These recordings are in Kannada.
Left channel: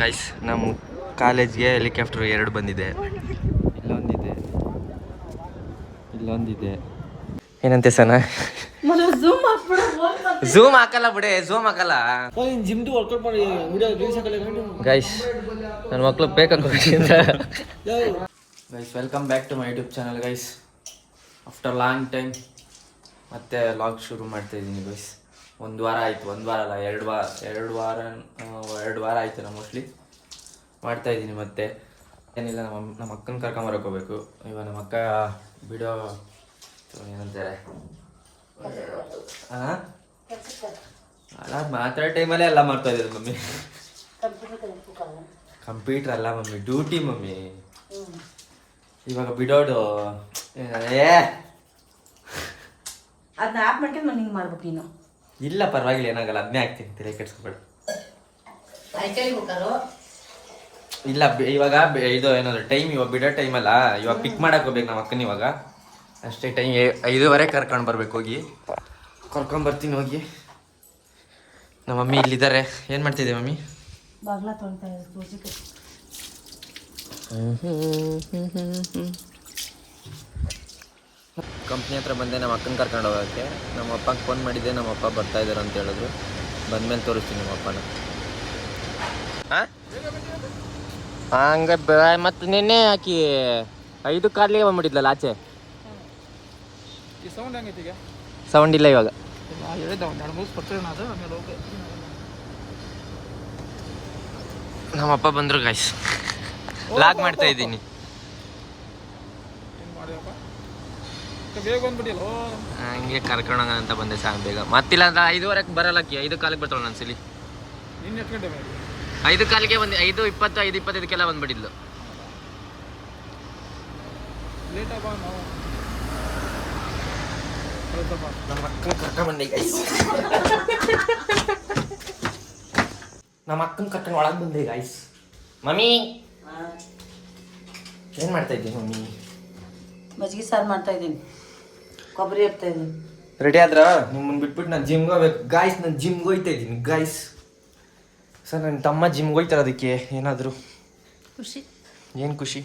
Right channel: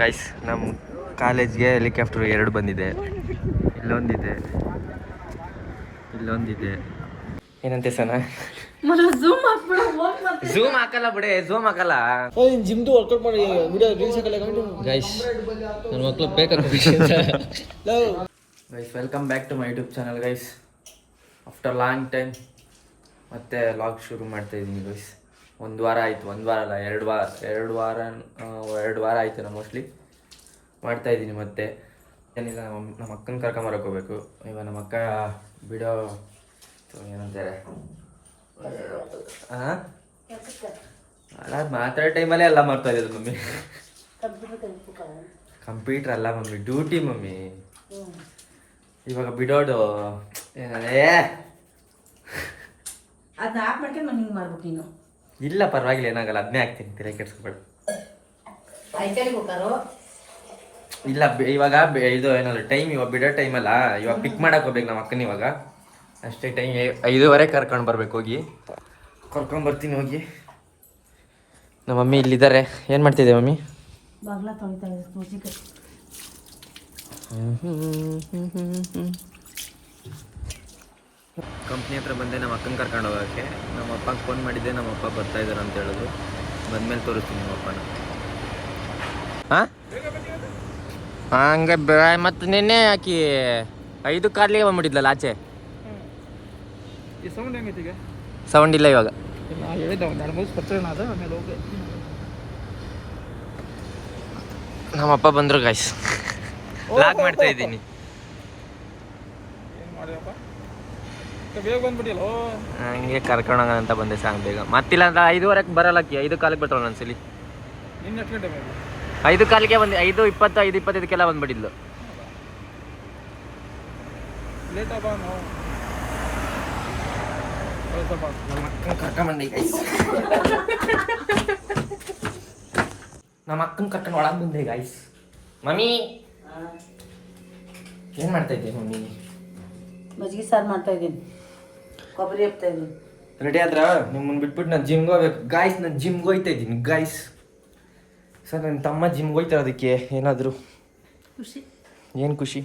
ಗೈಸ್ ನಮ್ಮ ಕಾಲೇಜ್ಗೆ ಹೆಲಿಕಾಪ್ಟರ್ 2 ಬಂದಿದೆ. ಇಲ್ಲೊಂದಿದೆ ಏನಂತೆ ಸನ ಝೂಮ್ ಹಾಕಲ್ಲ ಬಿಡೆ, ಝೂಮ್ ಹಾಕಲ್ಲ. ಜಿಮ್ದು ವರ್ಕೌಟ್ ಮಾಡಿ ವಿಡಿಯೋ ರೀಲ್ಸ್ ಹಾಕಲ್ಲ ಗೈಸ್ ನನ್ನ ಮಕ್ಳು ಬೇಕಾಗ guys welcome back to my YouTube channel guys. After long time ಮತ್ತೆ ವ್ಲಾಗ್ ಶುರು ಮಾಡ್ತಾ ಇದ್ದೀನಿ ಗೈಸ್. ಒಂದು ವಾರ ಆಯಿತು, ಒಂದು ವಾರ ಅಲ್ಲ, 2 ವಾರ ಆಯಿತು ನಾ ಮೋಸ್ಟ್ಲಿ ಮಾಡ್ತಾ ಇದ್ದೀನಿ. ಮತ್ತೆ ಏನಿಲ್ಲ, ನಮ್ಮ ಅಕ್ಕನ ಕರ್ಕೊಂಬರಕ್ಕೆ ಹೋಗ್ಬೇಕು. ಇವಾಗ ನಮ್ಮ ಅಕ್ಕ ಬಿಡೋ ಏನಂತಾರೆ ಅಲ್ಲ ಮಾತಾಡೋ ಟೈಮಲ್ಲೇ ಎಲ್ಲ ಮಾಡ್ತಾ ಇರೋದು ಮಮ್ಮಿ. ಕಂಪ್ಯೂಟರ್ ಅಲ್ಲ ಮಮ್ಮಿ, ಡ್ಯೂಟಿ ಮಮ್ಮಿ. ಇವಾಗ ಬಿಡೋದು ಇಲ್ಲ ಪರವಾಗಿಲ್ಲ, ಏನಾಗಲ್ಲ, ಅದನ್ನೇ ಹಾಕ್ತೀನಿ, ತಲೆ ಕೆಡ್ಸ್ಕೊಬೇಡ. ಇಲ್ಲ ಇವಾಗ ಇದು ಏನಾದ್ರು ಟೈಮ್ ಇವಾಗ ಬಿಡೋ ಟೈಮ್ ಅಲ್ಲ, ಇವಾಗ ಪಿಕ್ ಮಾಡಕ್ ಹೋಗ್ಬೇಕು ನಮ್ಮ ಅಕ್ಕನ. ಇವಾಗ ಅಷ್ಟೇ ಟೈಮ್ 5:15 ಕರ್ಕೊಂಡು ಬರ್ಬೇಕು. ಹೋಗಿ ಕರ್ಕೊಂಡ್ಬರ್ತೀನಿ ಹೋಗಿ. ನಮ್ಮ ಮಮ್ಮಿ ಇಲ್ಲಿದ್ದಾರೆ. ಏನು ಮಾಡ್ತಿದ್ದೆ ಮಮ್ಮಿ? ಕಂಪ್ನಿ ಹತ್ರ ಬಂದೆ ನಮ್ಮ ಅಕ್ಕನ ಕರ್ಕೊಂಡು ಹೋಗೋಕ್ಕೆ. ನಮ್ಮ ಅಪ್ಪಗೆ ಫೋನ್ ಮಾಡಿದ್ದೆ, ನಮ್ಮ ಅಪ್ಪ ಬರ್ತಾ ಇದ್ದಾರೆ ಅಂತ ಹೇಳಿದ್ರು. ಬಂದ್ಮೇಲೆ ತೋರಿಸ್ತೀನಿ ನಿಮ್ಮ ಅಪ್ಪನ. ಹಾಂ ಹಂಗೆ ಮತ್ತೆ ನಿನ್ನೆ ಹಾಕಿ 5 ಕಾರ್ಲಿಗೆ ಬಂದ್ಬಿಟ್ಟಿದ್ಲಲ್ಲ ಆಚೆ. ಸೌಂಡ್ ಇಲ್ಲ ಇವಾಗ. ನಮ್ಮಪ್ಪ ಬಂದ್ರು ಗಾಯ್ಸ್, ಲಾಗ್ ಮಾಡ್ತಾ ಇದ್ದೀನಿ. ಹಂಗೆ ಕರ್ಕೊಂಡೋಗ ಅಂತ ಬಂದೆ ಸಾಂಗ್ ಬೇಗ. ಮತ್ತಿಲ್ಲ ಅಂತ 5:15 ಬರಲ್ಲಕ್ಕಿ, 5 ಕಾಲಿಗೆ ಬರ್ತಾಳೆ ಒಂದ್ಸಲಿ. 5 ಕಾಲಿಗೆ ಬಂದು 5:20, 5:25 ಬಂದ್ಬಿಟ್ಟಿದ್ಲು. ನಮ್ಮ ಅಕ್ಕನ ಕರ್ಕೊಂಡು ಒಳಗೆ ಬಂದೆ ಗಾಯ್ಸ್. ಮಮ್ಮಿ ಏನ್ ಮಾಡ್ತಾ ಇದ್ದೀನಿ ಮಮ್ಮಿ? ಮಜ್ಜಿಗೆ ಸಾರು ಮಾಡ್ತಾ ಇದ್ದೀನಿ, ಕೊಬ್ಬರಿ ಹಾಕ್ತಾ ಇದ್ದೀನಿ. ರೆಡಿ ಆದ್ರ? ನಿಮ್ಮನ್ನ ಬಿಟ್ಬಿಟ್ಟು ನಾನು ಜಿಮ್ಗೆ ಹೋಗ್ಬೇಕು ಗಾಯ್ಸ್. ನಾನು ಜಿಮ್ಗೆ ಹೋಗ್ತಾ ಇದ್ದೀನಿ ಗಾಯ್ಸ್. ಸರ್ ನನ್ನ ತಮ್ಮ ಜಿಮ್ಗೆ ಹೋಗ್ತಾರೆ, ಅದಕ್ಕೆ ಏನಾದರೂ ಖುಷಿ. ಏನು ಖುಷಿ?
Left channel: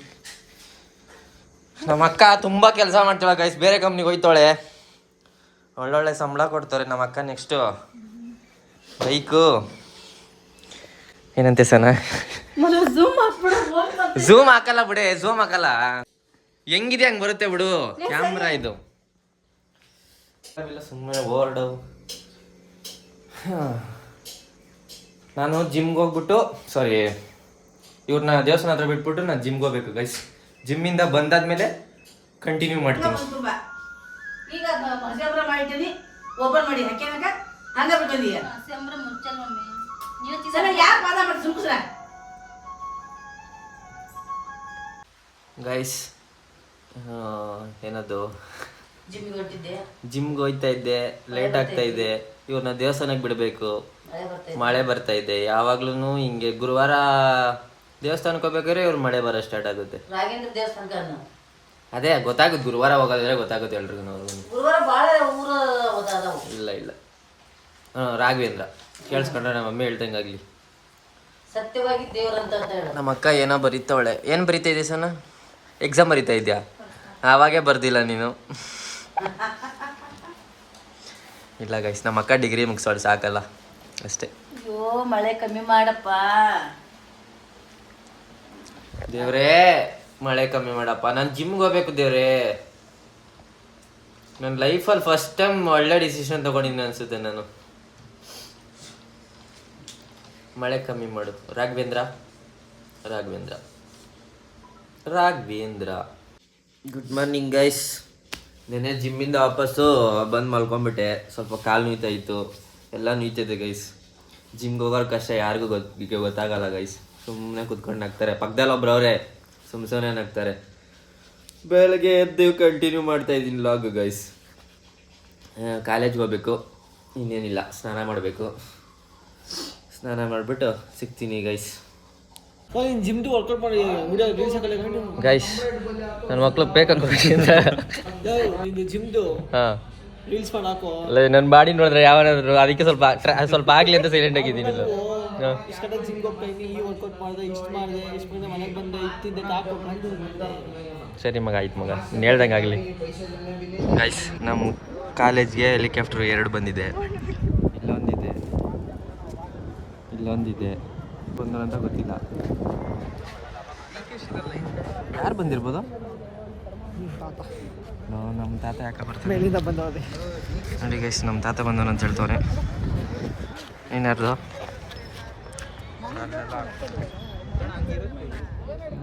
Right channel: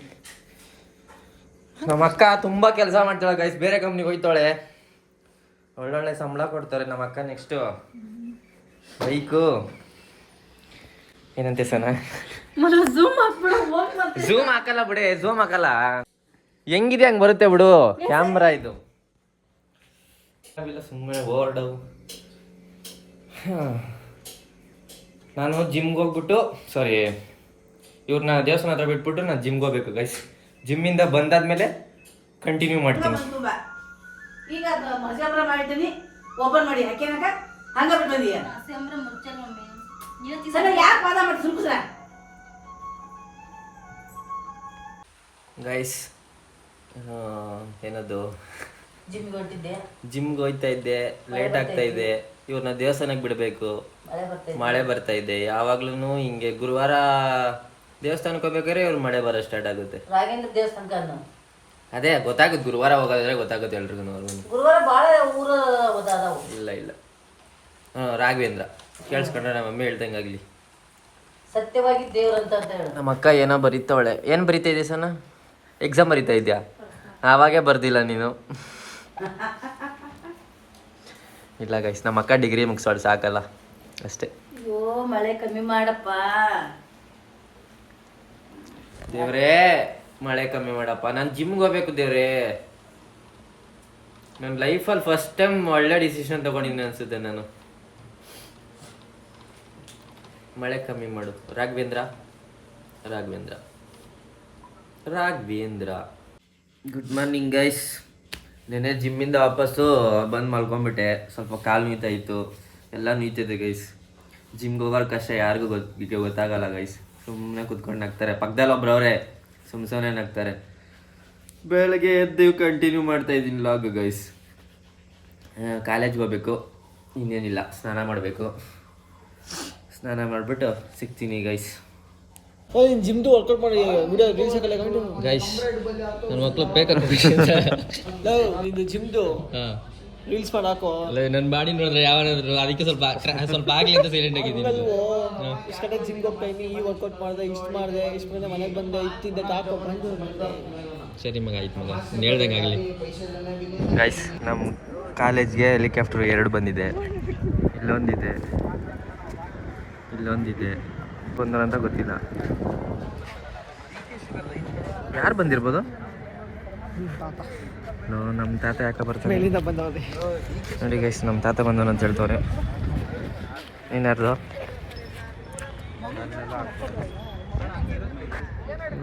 ನಮ್ಮ ಅಕ್ಕ ತುಂಬ ಕೆಲಸ ಮಾಡ್ತಾಳೆ ಗಾಯ್ಸ್, ಬೇರೆ ಕಂಪ್ನಿಗೆ ಹೋಯ್ತಾಳೆ. ಒಳ್ಳೊಳ್ಳೆ ಸಂಬಳ ಕೊಡ್ತಾರೆ ನಮ್ಮ ಅಕ್ಕ. ನೆಕ್ಸ್ಟು ಬೈಕು ಏನಂತೆ ಸನ ಝೂಮ್ ಹಾಕಲ್ಲ ಬಿಡೆ, ಝೂಮ್ ಹಾಕಲ್ಲ. ಹೆಂಗಿದೆ ಹಂಗೆ ಬರುತ್ತೆ ಬಿಡು ಕ್ಯಾಮ್ರಾ. ಇದು ಸುಮ್ಮನೆ ಓರ್ಡು. ನಾನು ಜಿಮ್ಗೆ ಹೋಗ್ಬಿಟ್ಟು ಇವ್ರನ್ನ ದೇವಸ್ಥಾನ ಹತ್ರ ಬಿಟ್ಬಿಟ್ಟು ನಾನು ಜಿಮ್ಗೆ ಹೋಗ್ಬೇಕು ಗೈಸ್. ಜಿಮ್ಮಿಂದ ಬಂದಾದ್ಮೇಲೆ ಕಂಟಿನ್ಯೂ ಮಾಡ್ತೀನಿ. ಈಗ ಮಜಾಪುರ ಮಾಡಿದ್ದೀನಿ, ಓಪನ್ ಮಾಡಿ ಹಾಕ್ಯಾನಕ ಹಂಗ ಬಿಟ್ಟಿದೀಯ. ಯಾಕೆ ವಾದ ಮಾಡಿ ಸುಮ್ಕುಸ್ರ ಗೈಸ್? ಏನದು ಜಿಮ್ಗೆ ಹೋಗ್ತಾ ಇದ್ದೆ, ಲೇಟ್ ಆಗ್ತಾ ಇದೆ. ಇವ್ರನ್ನ ದೇವಸ್ಥಾನಕ್ಕೆ ಬಿಡಬೇಕು, ಮಳೆ ಬರ್ತಾ ಇದೆ. ಯಾವಾಗ್ಲೂ ಹಿಂಗೆ ಗುರುವಾರ ದೇವಸ್ಥಾನಕ್ಕೆ ಹೋಗ್ಬೇಕಾದ್ರೆ ಇವ್ರು ಮಳೆ ಬರೋ ಸ್ಟಾರ್ಟ್ ಆಗುತ್ತೆ. ಅದೇ ಗೊತ್ತಾಗುತ್ತೆ, ಗುರುವಾರ ಹೋಗೋದ್ರೆ ಗೊತ್ತಾಗುತ್ತೆ ಎಲ್ರಿಗೂ. ಇಲ್ಲ ರಾಘವೇಂದ್ರ ಕೇಳಿಸ್ಕೊಂಡ್ರೆ ನಮ್ಮ ಮಮ್ಮಿ ಹೇಳ್ದಂಗಾಗ್ಲಿ. ಸತ್ಯವಾಗಿ ದೇವ್ರಂತ ಹೇಳು. ನಮ್ಮ ಅಕ್ಕ ಏನೋ ಬರೀತಾವಳೆ. ಏನು ಬರೀತಾ ಇದೆಯಾ ಸನ? ಎಕ್ಸಾಮ್ ಬರೀತಾ ಇದೆಯಾ? ಆವಾಗೇ ಬರ್ದಿಲ್ಲ ನೀನು. ಇಲ್ಲ ಗೈಸ್, ನಮ್ಮ ಅಕ್ಕ ಡಿಗ್ರಿ ಮುಗಿಸೋಳು ಸಾಕಲ್ಲ ಅಷ್ಟೇ. ಅಯ್ಯೋ ಮಳೆ ಕಮ್ಮಿ ಮಾಡಪ್ಪ ದೇವ್ರೇ, ಮಳೆ ಕಮ್ಮಿ ಮಾಡಪ್ಪ. ನಾನು ಜಿಮ್ಗೆ ಹೋಗ್ಬೇಕು ದೇವ್ರೇ. ನನ್ನ ಲೈಫಲ್ಲಿ ಫಸ್ಟ್ ಟೈಮ್ ಒಳ್ಳೆ ಡಿಸಿಷನ್ ತಗೊಂಡಿದ್ದೆ ಅನ್ಸುತ್ತೆ ನಾನು. ಮಳೆ ಕಮ್ಮಿ ಮಾಡು ರಾಘವೇಂದ್ರ. Good morning guys. ನೆನ್ನೆ ಜಿಮ್ಮಿಂದ ವಾಪಸ್ಸು ಬಂದು ಮಲ್ಕೊಂಡ್ಬಿಟ್ಟೆ. ಸ್ವಲ್ಪ ಕಾಲು ನೋಯ್ತಾ ಇತ್ತು, ಎಲ್ಲ ನೋಯ್ತಿದೆ ಗೈಸ್. ಜಿಮ್ಗೆ ಹೋಗೋರು ಕಷ್ಟ ಯಾರಿಗೂ ಗೊತ್ತಾಗಲ್ಲ ಗೈಸ್. ಸುಮ್ಮನೆ ಕುತ್ಕೊಂಡು ನಗ್ತಾರೆ, ಪಕ್ಕದಲ್ಲಿ ಒಬ್ರು ಅವರೇ ಸುಮ್ಮನೆ ನಗ್ತಾರೆ. ಬೆಳಗ್ಗೆ ಎದ್ದು ಕಂಟಿನ್ಯೂ ಮಾಡ್ತಾ ಇದ್ದೀನಿ ಲಾಗ್ ಗೈಸ್. ಕಾಲೇಜ್ಗೆ ಹೋಗ್ಬೇಕು, ಇನ್ನೇನಿಲ್ಲ, ಸ್ನಾನ ಮಾಡಬೇಕು. ಸ್ನಾನ ಮಾಡಿಬಿಟ್ಟು ಸಿಗ್ತೀನಿ ಗೈಸ್. ಜಿಮ್ದು ವರ್ಕೌಟ್ ಮಾಡಿ ವಿಡಿಯೋ ರೀಲ್ಸ್ ಹಾಕಲ್ಲ ಗೈಸ್ ನನ್ನ ಮಕ್ಳು ಬೇಕಾಗ ಜಿಮ್ದು ರೀಲ್ಸ್ ಮಾಡಿ ಹಾಕೋ. ಅಲ್ಲ ನನ್ನ ಬಾಡಿ ನೋಡಿದ್ರೆ ಯಾವನಾದ್ರು ಅದಕ್ಕೆ ಸ್ವಲ್ಪ ಆಗಲಿ ಅಂತ ಸೈಲೆಂಟ್ ಆಗಿದ್ದೀನಿ. ಇಷ್ಟು ಜಿಮ್ಗೆ ಹೋಗ್ತಾಯಿನಿ, ಈ ವರ್ಕೌಟ್ ಮಾಡಿದೆ, ಇಷ್ಟು ಮಾಡಿದೆ, ಇಷ್ಟು ಬಂದೆ, ಮನೆಗೆ ಬಂದೆ, ಇತ್ತಿದ್ದೆ ತಾಕೋ ಬಂದು ಸರಿ ಮಗ, ಆಯ್ತು ಮಗ, ನೀನು ಹೇಳ್ದಂಗೆ ಆಗಲಿ. ಗೈಸ್, ನಮ್ಮ ಕಾಲೇಜ್ಗೆ ಹೆಲಿಕಾಪ್ಟರ್ 2 ಬಂದಿದೆ. ಇಲ್ಲೊಂದಿದೆ ಬಂದರಂತ ಗೊತ್ತಿಲ್ಲ. ಯಾರು ಬಂದಿರ್ಬೋದು? ನಮ್ಮ ತಾತ ಯಾಕೆ ಬರ್ತಾರೆ ಮೇಲಿಂದ ಬಂದವ್ರೆ ನೋಡಿ ಗೈಸ್, ನಮ್ಮ ತಾತ ಬಂದವನು ಅಂತ ಹೇಳ್ತವ್ರೆ. ನೀನ್ಯಾರ್ದು?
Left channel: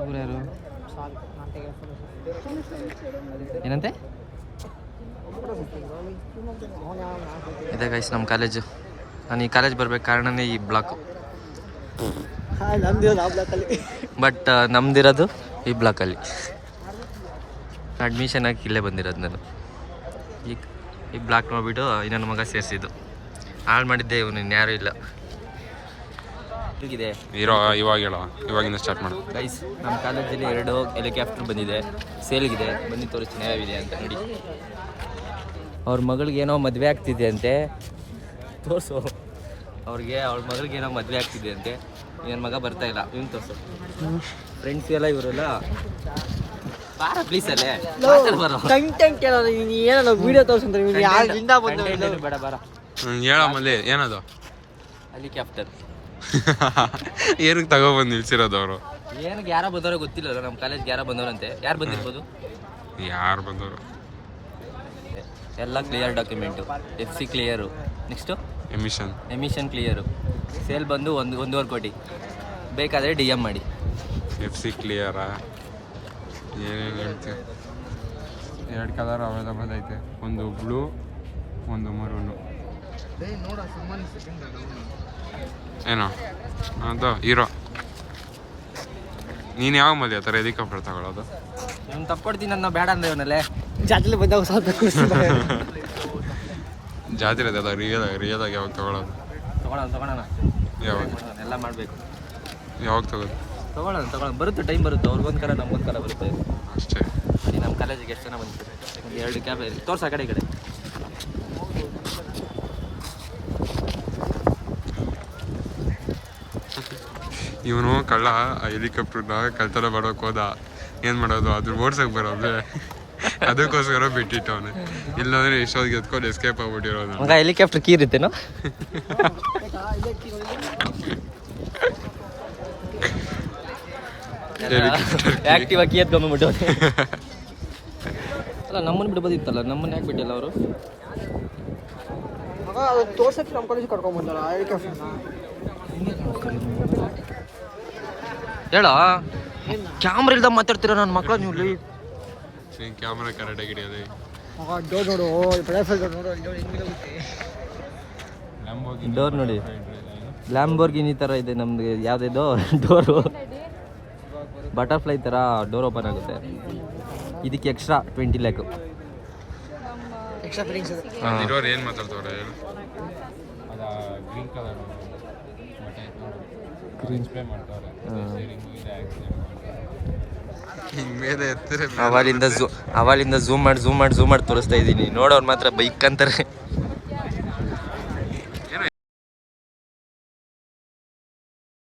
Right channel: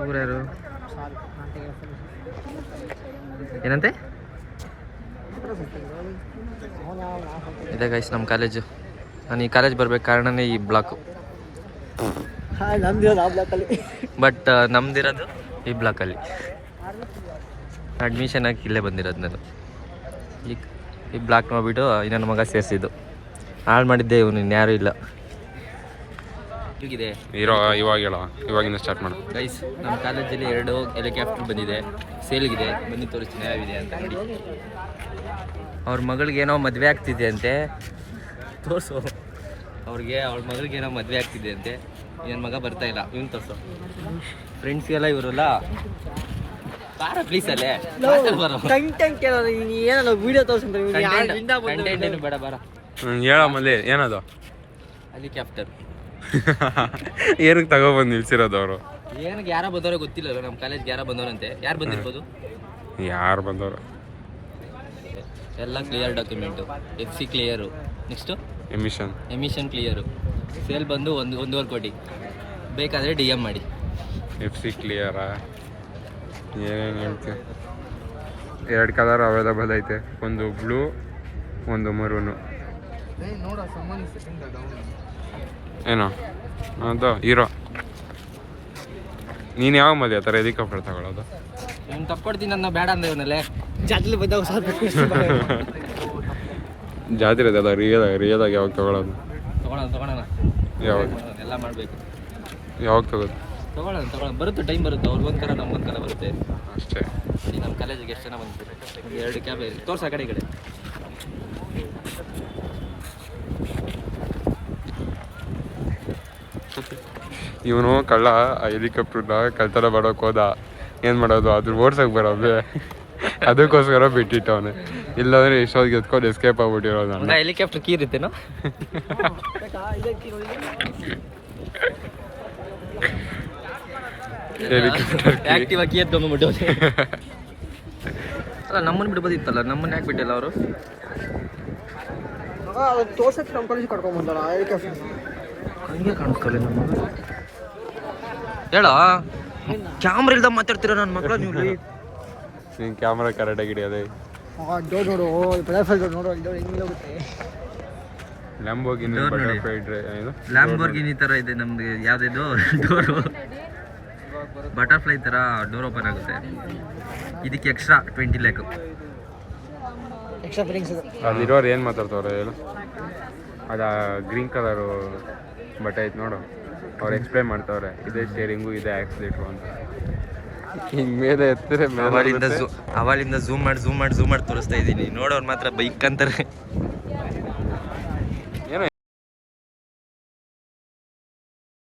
ಊರ್ಯಾರು? ಏನಂತೆ ಇದೆ ಗೈಸ್ ನಮ್ಮ ಕಾಲೇಜು. ನಾನು ಈ ಕಾಲೇಜ್ ಬರ್ಬೇಕು ಕಾರಣನೇ ಈ ಬ್ಲಾಕು. ನಮ್ದಿರೋದು ಆ ಬ್ಲಾಕಲ್ಲಿ. ಬಟ್ ನಮ್ದಿರೋದು ಈ ಬ್ಲಾಕಲ್ಲಿ. ಅಡ್ಮಿಷನ್ ಆಗಿ ಇಲ್ಲೇ ಬಂದಿರೋದು ನಾನು. ಈ ಬ್ಲಾಕ್ ನೋಡ್ಬಿಟ್ಟು ಇನ್ನೊಂದು ಮಗ ಸೇರಿಸಿದ್ದು. ಹಾಳು ಮಾಡಿದ್ದೆ ಇವನು, ಇನ್ಯಾರೂ ಇಲ್ಲ. ಹೇಗಿದೆ ಇವಾಗಿಂದ ಸ್ಟಾರ್ಟ್ ಮಾಡು ಗೈಸ್, ನಮ್ಮ ಕಾಲೇಜಲ್ಲಿ 2 ಹೆಲಿಕಾಪ್ಟರ್ ಬಂದಿದೆ, ಸೇಲ್ಗಿದೆ. ಬನ್ನಿ ತೋರಿಸ್ತೀನಿ ಯಾವಿದೆ ಅಂತ ನೋಡಿ. ಅವ್ರ ಮಗಳಿಗೆ ಏನೋ ಮದುವೆ ಆಗ್ತಿದೆ ಅಂತೆ, ತೋರಿಸು. ಅವ್ಳ ಮಗಳಿಗೆ ಏನೋ ಮದುವೆ ಆಗ್ತಿದೆ ಅಂತೆ. ಏನು ಮಗ ಬರ್ತಾ ಇಲ್ಲ, ಇವನು ತೋರಿಸು. ಫ್ರೆಂಡ್ಸ್ಗೆಲ್ಲ ಇವರಲ್ಲ ಬಾರ ಪ್ಲೀಸ್ ಅಲ್ಲೇ ಬರೋ ಕಂಟೆಂಟ್ ಏನಲ್ಲ ವಿಡಿಯೋ ತೋರಿಸ್ತಾರೆ. ಕಂಟೆಂಟ್ ಏನು ಬೇಡ, ಬಾರ. ಹೇಳಮ್ಮಲ್ಲಿ ಏನದು ಹೆಲಿಕಾಪ್ಟರ್ ಏನಕ್ಕೆ ತಗೊಬಂದು ನಿಲ್ಸಿರೋದು ಅವರು? ಏನಕ್ಕೆ ಯಾರೋ ಬಂದವ್ರೆ ಗೊತ್ತಿಲ್ಲ. ನಮ್ಮ ಕಾಲೇಜ್ಗೆ ಯಾರೋ ಬಂದವ್ರಂತೆ. ಯಾರು ಬಂದಿರ್ಬೋದು? ಯಾರು ಬಂದವರು? ಎಲ್ಲ clear document, FC clear, next emission clear. Sale ಬಂದು 1.5 ಕೋಟಿ. ಬೇಕಾದರೆ DM ಮಾಡಿ. FC ಕ್ಲಿಯರಾ? ಏನೇನು ಹೇಳ್ತೀವಿ? 2 ಕಲರ್ ಅವೈಲಬಲ್ ಐತೆ, ಒಂದು ಬ್ಲೂ, ಒಂದು ಮರೂನು. ಏನೋ ಅದು ಹೀರೋ. ನೀನು ಯಾವ ಮದುವೆ ಆ ಥರ ಹೆಲಿಕಾಪ್ಟರ್ ತಗೊಳ್ಳೋದು? ಇವ್ನು ತಕ್ಕೊಡ್ತೀನಿ ನನ್ನ ಬೇಡ ಅಂದ್ರೆ ಇವನಲ್ಲೇ ಜಾತ್ರೆ ಬಂದಾಗ ಜಾತ್ರೆ ಅದಲ್ಲ, ರಿಯದಾಗ ಯಾವಾಗ ತಗೊಳ್ಳೋದು? ತಗೊಳ್ಳೋಣ ಯಾವಾಗ ಎಲ್ಲ ಮಾಡಬೇಕು. ಯಾವಾಗ ತಗೋದು? ತಗೊಳ್ಳೋಣ ಬರುತ್ತೆ, ಟೈಮ್ ಬರುತ್ತೆ. ಅವ್ರಿಗೊಂದು ಕಲ ನಮ್ಗೊಂದು ಕಲ ಬರುತ್ತೆ ಅಷ್ಟೇ. ನೋಡಿ ನಮ್ಮ ಕಾಲೇಜಿಗೆ ಎಷ್ಟು ಜನ ಬಂದಿದ್ದಾರೆ. ಒಂದು 2 ಕ್ಯಾಬ್ ತೋರ್ಸ ಆ ಕಡೆ ಈ ಕಡೆ. ಇವನು ಕಳ್ಳ ಆ ಹೆಲಿಕಾಪ್ಟರ್ನ ಕಳ್ತನ ಮಾಡೋಕೆ ಹೋದ. ಏನು ಮಾಡೋದು, ಅದ್ರ ಓಡ್ಸಕ್ಕೆ ಬರೋದ್ರೆ ಅದಕ್ಕೋಸ್ಕರ ಬಿಟ್ಟಿಟ್ಟವನೆ. ಇಲ್ಲಾಂದ್ರೆ ಇಷ್ಟೊತ್ತಿಗೆ ಎತ್ಕೊಂಡು ಎಸ್ಕೇಪ್ ಆಗ್ಬಿಟ್ಟಿರೋದು. ಹೆಲಿಕಾಪ್ಟರ್ ಕೀ ಇರುತ್ತೇನೋ? ಹೆಲಿಕಾಪ್ಟರ್ ಆಕ್ಟಿವ್ ಕೀ ಎತ್ಕೊಂಡ್ಬಿಟ್ಟು ಅಲ್ಲ, ನಮ್ಮನ್ನು ಬಿಡ್ಬೋದಿತ್ತಲ್ಲ, ನಮ್ಮನ್ನ ಯಾಕೆ ಬಿಟ್ಟಿಲ್ಲ ಅವರು? ತೋರ್ಸಕ್ಕೆ ನಮ್ಮ ಕಾಲೇಜ್ ಕರ್ಕೊಂಡ್ ಬಂದಾರ ಹಂಗೆ ಕಾಣಿಸ್ಕೊಳ್ಳಿ ನಮ್ಮ ಹೇಳ. ಕ್ಯಾಮ್ರಾ ಇಲ್ದ ಮಾತಾಡ್ತೀರ ನನ್ನ ಮಕ್ಕಳು ನೀವು. ನೀನು ಕ್ಯಾಮ್ರಾ ಕರೆಕ್ಟಾಗಿ ಹಿಡಿಯೋದೆ. ಡೋರ್ ನೋಡು, ಡೋರ್ ನೋಡಿ, ಲ್ಯಾಂಬೋರ್ಗಿನಿ ಥರ ಇದೆ ನಮ್ದು. ಯಾವುದಿದು ಡೋರು ಬಟರ್ಫ್ಲೈ ಥರ ಡೋರ್ ಓಪನ್ ಆಗುತ್ತೆ. ಇದಕ್ಕೆ ಎಕ್ಸ್ಟ್ರಾ 20 lakh. ಅದಿರೋರು ಏನು ಮಾತಾಡ್ತವ್ರೆ ಹೇಳು? ಅದು ಗ್ರೀನ್ ಕಲರು ಬಟ್ಟೆ ಐತೆ ನೋಡು, ಅವ್ರು ಎಕ್ಸ್ಪ್ಲೈನ್ ಮಾಡ್ತವ್ರೆ. ಇದೇ ಸ್ಟೇರಿಂಗು, ಇದೇ ಆಕ್ಸಿಲೇಟ್ರು ಅಂತ. ಮೇಲೆ ಎತ್ತರೆ ಅವಳಿಂದ ಝೂಮ್ ಮಾಡಿ ತೋರಿಸ್ತಾ ಇದ್ದೀನಿ. ನೋಡೋರು ಮಾತ್ರ ಬೈಕ್ ಅಂತಾರೆ.